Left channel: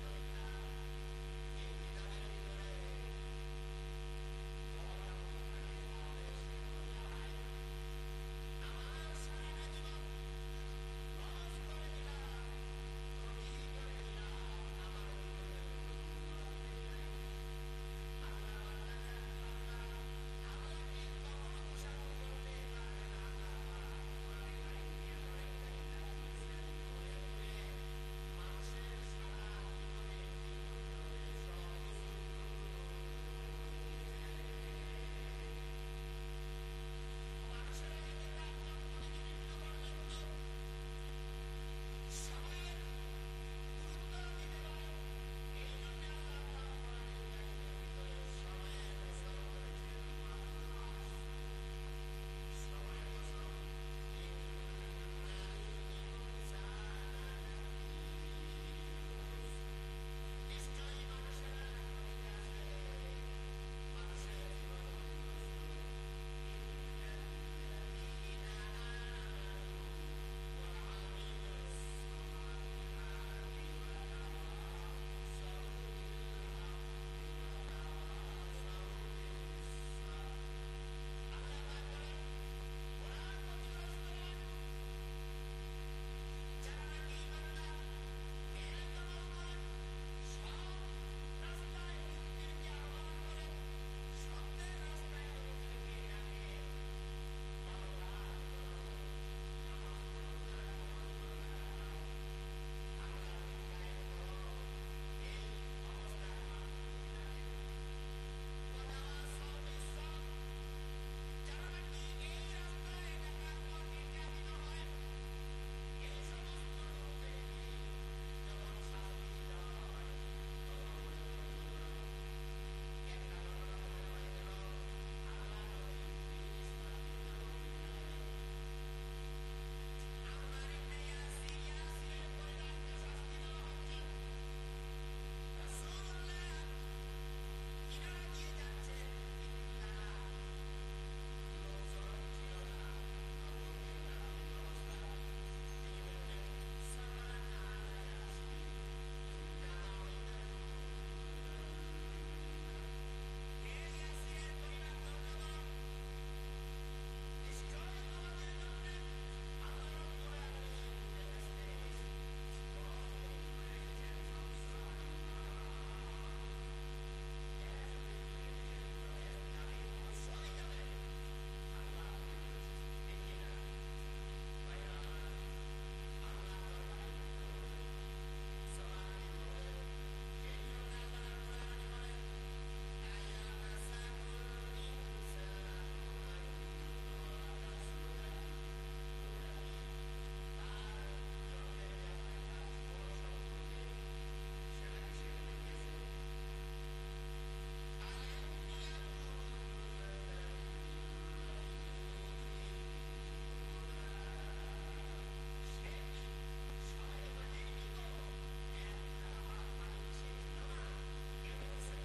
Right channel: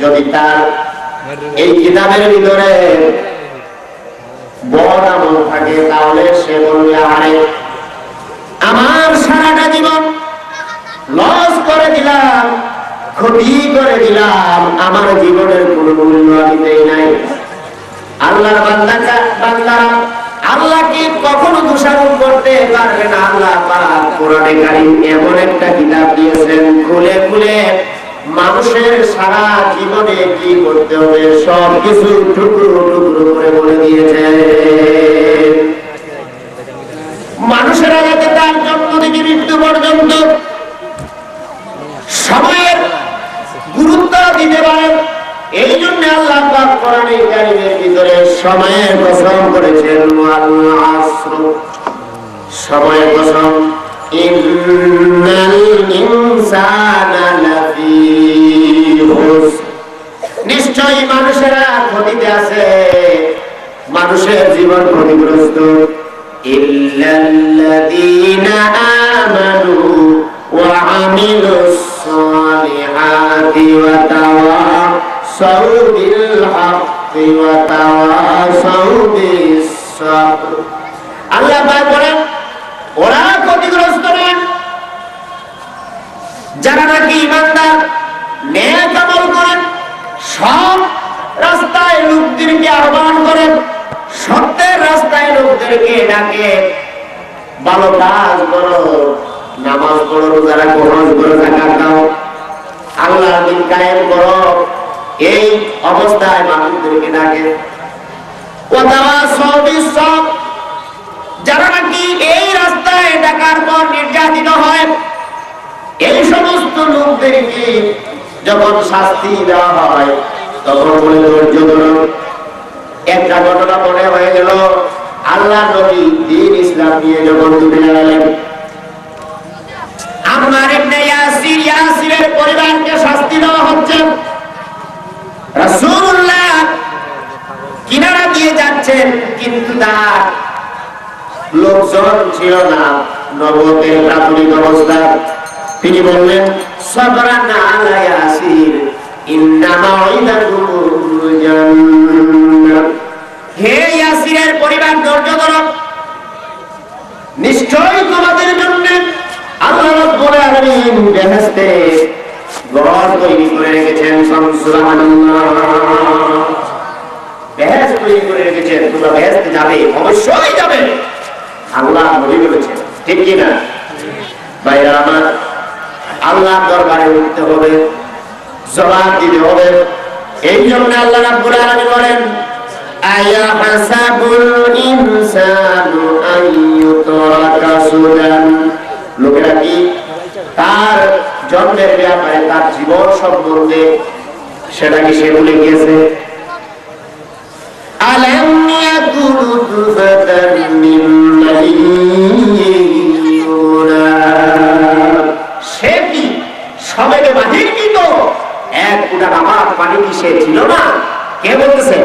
যদি তার এই কিতাবের ভিতরে বড় আমল থাকে তাহলে সে বলবে আরে আমার সারাটা জীবন লস করে দিলাম, ক্ষতি করে দিলাম, আমার জীবনের কোনো মূল্য আমি দেই নাই। আল্লাহর বান্দারা আল্লাহকে কখনো দোষারোপ করতে পারবে না। আল্লাহ পাক কোরআনে কারীম এমন একটা কিতাব দিয়েছেন, খুলে খুলে মানুষের সারা জীবনে কি করতে হবে সব কিছু টুকরো টুকরো করে বলে দিয়েছেন। মানুষেরা যাতে তার জন্ম থেকে মৃত্যু পর্যন্ত সময়ের গুরুত্ব দিতে পারে, এই জন্য আল্লাহ পাক কোরআনে কারীমের ভিতরে সময়ের কসম করেছেন। ওয়াল আসর, সময়ের কসম। ইন্নাল ইনসানা লাফি খুসর, নিশ্চয়ই মানুষেরা ক্ষতিতে আছে, মানুষের জীবন ক্ষতিগ্রস্ত। ইল্লাল্লাযীনা আমানু ওয়া আমিলুস সালিহাতি ওয়া তাওয়াসাউ বিল হাক্কি ওয়া তাওয়াসাউ বিস সাবর। আল্লাহ পাক বলেন ওরা ক্ষতিগ্রস্ত নয় যারা নাকি ঈমানদার, নেক আমল করেন, সৎ রাস্তায় লোকদেরকে আহ্বান করেন, সত্যের রাস্তায় লোকদেরকে ডাকে, ভালো কাজ করো, নামাজ পড়ো, রোজা রাখো, হজ করো, যাকাত দাও, আল্লাহর দ্বীন কায়েম করো, এই অবস্থায় মানুষদেরকে ডাকে। ওয়াতাওয়াসাউ বিস সাবর, যারা নাকি এই রাস্তায় ডাকার পর নির্যাতিত হয়, এই সমস্ত লোকদেরকে যখন শাস্তি দেওয়া হয় তখন বলে ধৈর্য ধরো। একটা ঘটনা মনে হয়ে গেল, আল্লাহ নবী দ্বীন ইসলাম নিয়ে যখন দুনিয়া এলেন, আম্মার ইবনে ইয়াসির, ইয়াসিরের পরিবারকে শাস্তি দেওয়া হচ্ছে। রাসূলুল্লাহ কিনারা দিয়ে যাচ্ছেন, কিন্তু তার লোকজন ছিল না, নবুয়তের প্রাথমিক অবস্থা। তিনি বললেন সাবরান আলা ইয়াসির ইন্না মাউইদাকুমুল জান্নাহ, হে ইয়াসিরের পরিবার ধৈর্য ধরো, নিশ্চয়ই তোমাদের জন্য আল্লাহ রাব্বুল আলামিন বেহেশতে ঘর তৈরি করে রেখেছেন। সুবহানাল্লাহ, বেহেশত তৈরি করে রেখেছেন, তোমরা বেহেশতে যাবে, অবশ্যই যাবে, আল্লাহ নবী বলেছেন, ঠিক কি না ভাইরা আমার? আল্লাহ দরবারে উঠতে হবে, জবাব দিতে হবে। এই জন্য আল্লাহ রাব্বুল আলামিন বলেন আয়া হাসাবুল ইনসানু আইয়ুতরাকা সুদান, লোকেরা কি তার জন্মের ব্যাপারে, তার জীবন সম্বন্ধে সেটা কি সে ভুলে গিয়েছে? আলাম ইয়াকুনু তুফাতান মিন সে কি সবেগে বাহির কি তো এক ফুটা নামাজ পানি কি সে ছিল না? কে বলতেছে?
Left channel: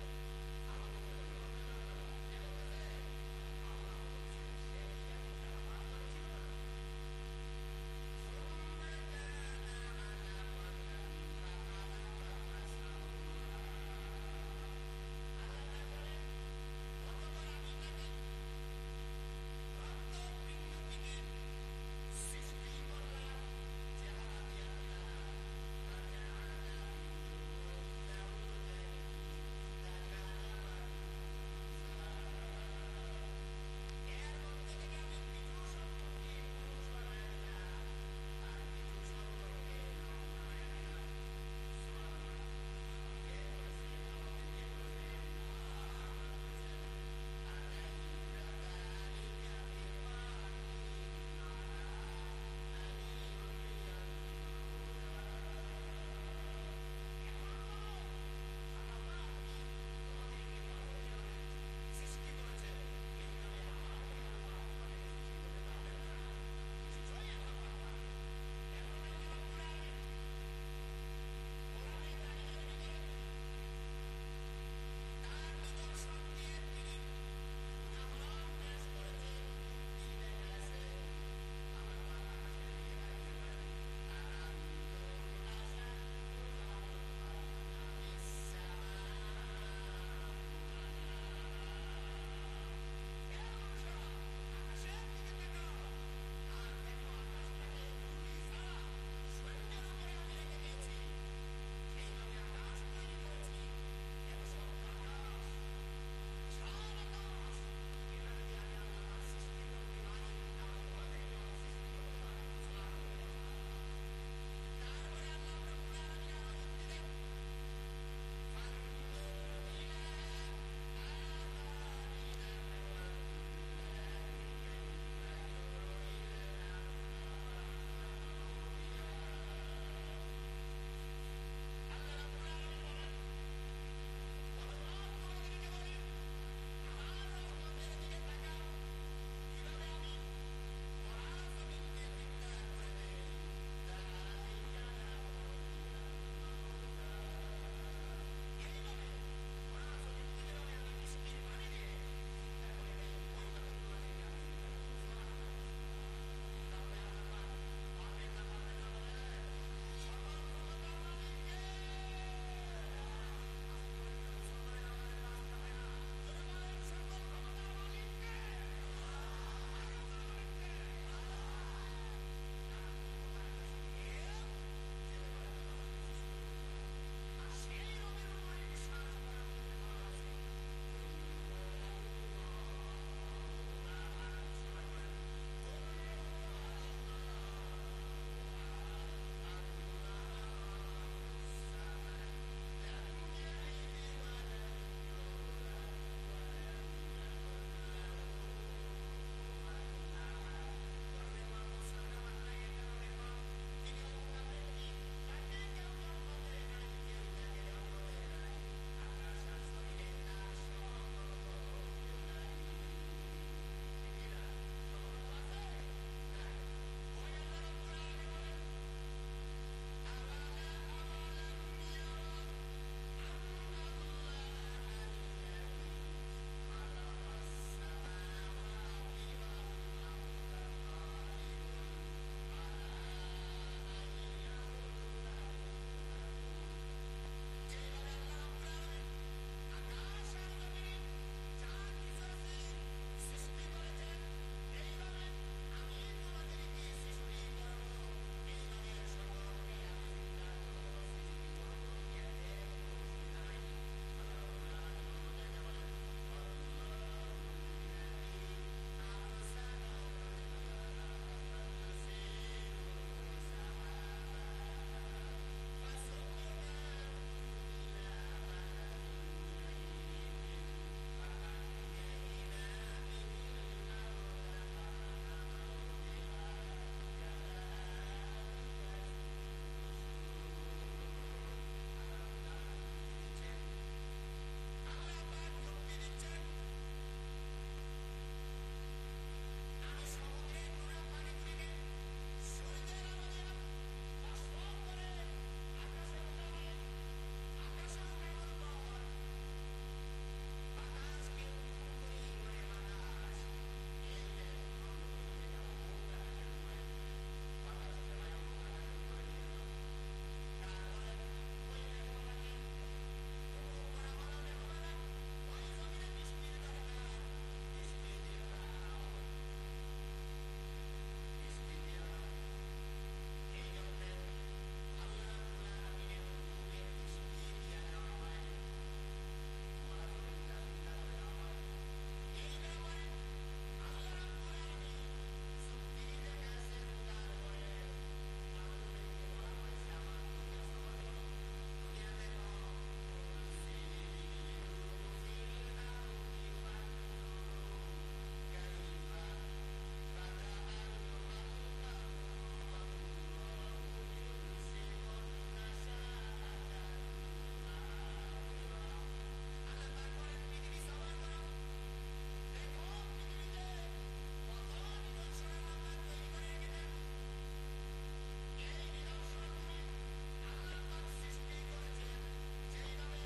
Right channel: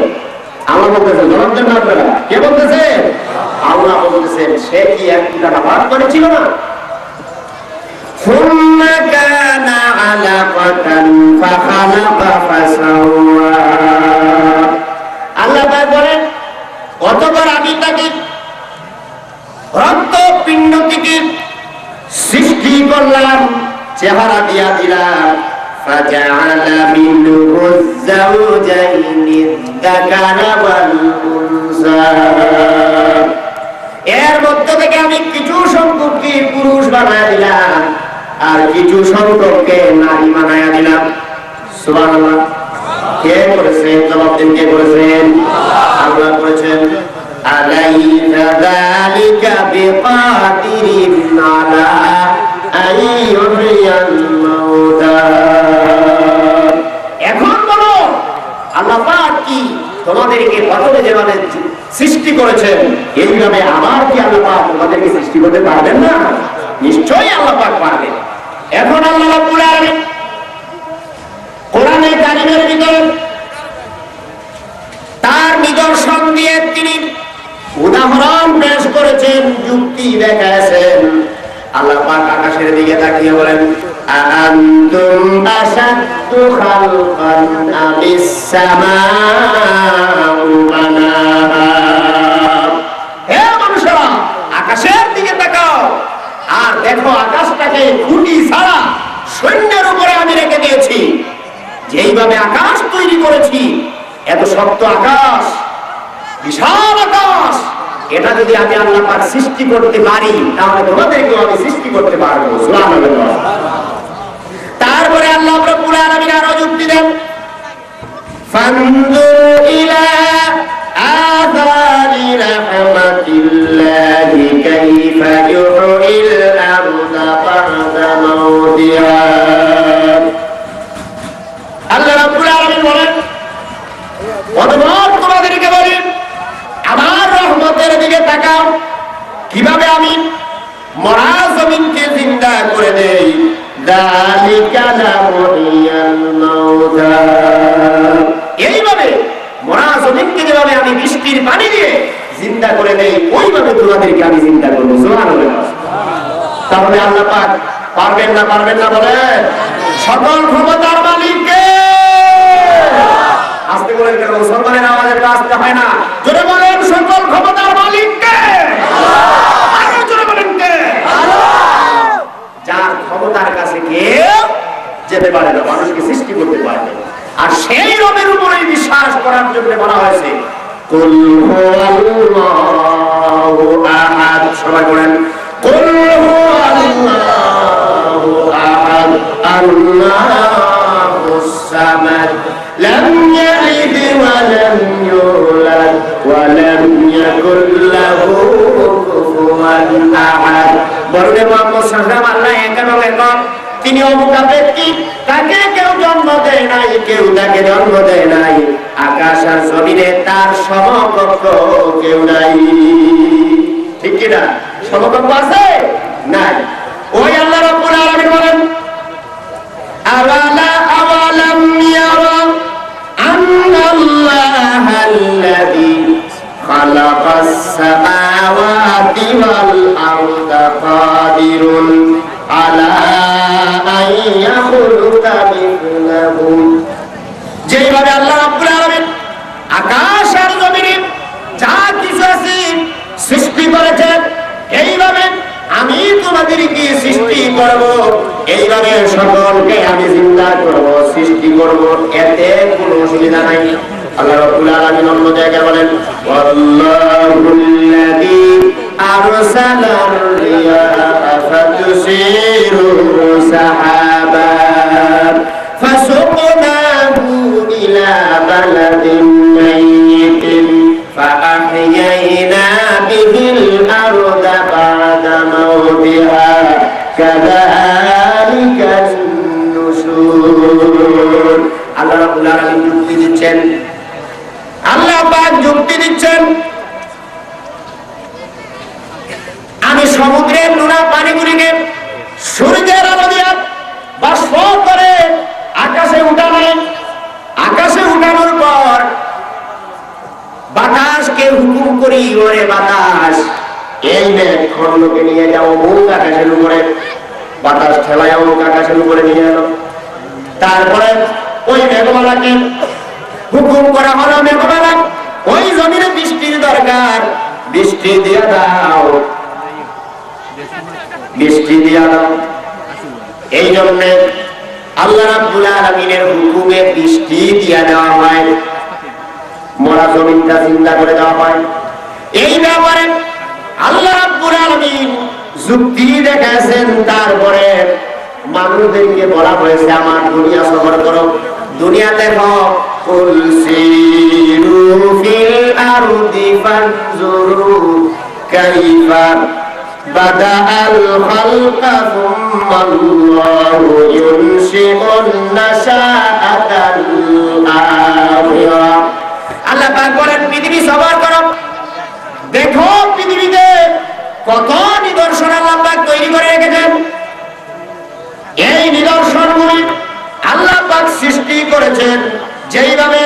আল্লাহ বলতেছে। জবাব দেন না আপনারা, কে বলতেছে? আল্লাহ বলতেছেন সে কি এক ফুটা নামাজ পানি ছিল না? সুম্মা কানা আলাকাতান ফাখালাকা ফাসাওয়া, আল্লাহ তাআলা বলেন অতঃপর আমি তাকে রক্ত পিণ্ড থেকে সৃষ্টি করলাম, চেহারা দিয়া দিলাম, ফাজআলা মিনহু যাওজাইনি যাকারা ওয়াল উনসা, এর মধ্যে থেকে আমি কিছু সংখ্যককে পুরুষ বানায়া দিলাম আর কিছু সংখ্যককে নারী বানায়া দিলাম। সুবহানাল্লাহ। কে করেছেন? জবাব দিন, কে করেছেন? আল্লাহ করেছেন। আলাইসা যালিকা বিকাদিরিন আলা আইয়ুহিয়াল মাউতা, এখন বলো আল্লাহ পাক কি তোমাদেরকে প্রথমে যেভাবে সৃষ্টি করেছেন এইভাবে আবার কি আল্লাহ পাক তোমাদেরকে সৃষ্টি করতে পারবেন না? নিশ্চয়ই আল্লাহ পাক পারবেন। এখন আল্লাহ রাব্বুল আলামিন কোরআনে কারীমের ভিতরে তার নিদর্শন দিয়ে তিনি উদাহরণ পেশ করেছেন, যুক্তি দেখাইছেন। আল্লাহ পাক আকাশের দিকে তাকিয়ে বলেন আআনতুম আশাদ্দু খালকান আমিস সামাউ বানাহা। হে মানুষেরা, আকাশের দিকে তাকাও আর দেখো আকাশটাকে খুঁটি ছাড়া সৈন্যের উপরে আমি রেখে দিয়েছি। যেইভাবে আকাশ তৈরি করেছি, এত শক্ত আকাশ, বিশাল আকাশ, এটা যদি আমি আল্লাহ পাক সৃষ্টি করতে পারি, তাহলে তোমাদেরকেও আমি সৃষ্টি করতে পারবো। সুবহানাল্লাহ। তারপরে আল্লাহ রাব্বুল আলামিন আরো যুক্তি দেন, ফানজুর ইলা আযারি রাহমাতিল্লাহি কাইফা ইউহিল আরদা বা'দা মাউতিহা। আল্লাহ রাব্বুল আলামিন বলেন, অতঃপর তোমাদেরকে বলি, আমার রহমতের দিকে তাকাও, কিভাবে আমি মরা জমিনকে জিন্দা করে দেই। যালিকা লামুহিয়াল মাউতা। এইভাবে মরা জমিনকে যেভাবে আমি বৃষ্টির পানি দিয়ে জিন্দা করে দেই, ওইভাবে তোমাদেরকে আমি জিন্দা করবো। সুবহানাল্লাহ। তাহলে আল্লাহ পাক পারবেন না বলে? সকল ক্ষমতার মালিক কে? আস্তে বলেন কেন? মুসলমানের আওয়াজে আসতে হয় না। জোরে বলেন, সকল ক্ষমতার মালিক কে? আরো জোরে বলেন কে? যার ক্ষমতার কাছে কেউ যেতে পারে না, মানুষকে সৃষ্টি করতে পারে না। আর সেই রবের উপরেই বিশ্বাস করার জন্য বলা হয়েছে, কুল হুয়াল্লাহু আহাদ। সবাই বলেন, কুল হুয়াল্লাহু আহাদ, আল্লাহুস সামাদ, লাম ইয়ালিদ ওয়া লাম ইউলাদ ওয়া লাম ইয়াকুল লাহু কুফুওয়ান আহাদ। বলুন, মুহাম্মদ সাল্লাল্লাহু আলাইহি ওয়াসাল্লাম আল্লাহ একক, তিনি অমুকাপেক্ষী, তাকে কেউ জন্ম দেয় নাই, কেউ তাকে জন্ম দেয় নাই। আকাশ আর জমিনে তার সমকক্ষ কেউ নাই। ঠিক কি না? সমকক্ষ আছে? নাই। ওই আল্লাহ রাব্বুল আলামিন বলেন, আওয়ালাম ইয়ারা আন্নাল্লাহাল্লাযী খালাকাস সামাওয়াতি ওয়াল আরদা কাদিরুন আলা আন ইয়াখলুকা মিথলাহুম। যেইভাবে আল্লাহ রাব্বুল আলামিন আকাশ আর জমিনে যা কিছু আছে সৃষ্টি করেছেন, এইভাবে আমি তোমাদেরকে সৃষ্টি করব, এইভাবে সকলকে আমি জিন্দা করব, সৃষ্টি করব, এতে কোনো অসুবিধা নাই। আল্লাহ রাব্বুল আলামিন অন্য জায়গায় বলেন, ওয়াল্লাহুল্লাযী আরসালার রিয়াহা ফাতুসিরু সাহাবান ফাসুকনাহু ইলা বালাদিন মাইয়িতিন ফাআহইয়ানা বিহিল আরদা বা'দা মাউতিহা কাযালিকান নুশুর। আল্লাহ রাব্বুল আলামিন যুক্তি দিচ্ছেন, আল্লাহ পাক যুক্তি দিচ্ছেন, আমি সমুদ্রের নোনা পানিগুলিকে সূর্যের আলো দিয়ে বাষ্প করে আকাশে উঠালাম। আকাশে উঠানোর পর বাতাসকে হুকুম করি, ওরে বাতাস, এই মেঘ খণ্ডকে নিয়ে যাও মুখ আকাশের উপরে। বাতাস ঠেলায় মুখ আকাশের উপরে নিয়ে এলো। তারপরে ওই মেঘমালাকে হুকুম করা হলো, মেঘমালা ওই জমিনে বৃষ্টির দরকার, বৃষ্টি দিয়ে দাও, বৃষ্টি দিয়ে দাও। এই জন্য আল্লাহ রাব্বুল আলামিনের হুকুমে বৃষ্টি দিয়ে দেওয়া হয়, মরা জমিনটা চিন্তা করে দেওয়া হয়। এই ব্যাপারে আল্লাহ রাব্বুল আলামিন যুক্তি দেখাচ্ছেন। তারপরে মানুষদেরকে বলা হয়েছে, আমার দুনিয়া সফর করো, দুনিয়া দেখো। কুল সিরু ফিল আরদি ফানজুরু কাইফা বাদাআল খালকা সুম্মা আল্লাহু ইউনশিউন নাশাআতাল আখিরা। আল্লাহ পাক বলেন, পৃথিবী সফর করো, দেখো পৃথিবীতে কত নিদর্শন আল্লাহ পাক তৈরি করে রেখেছেন। এই নিদর্শনগুলি আল্লাহ পাক সৃষ্টি করেছেন যেইভাবে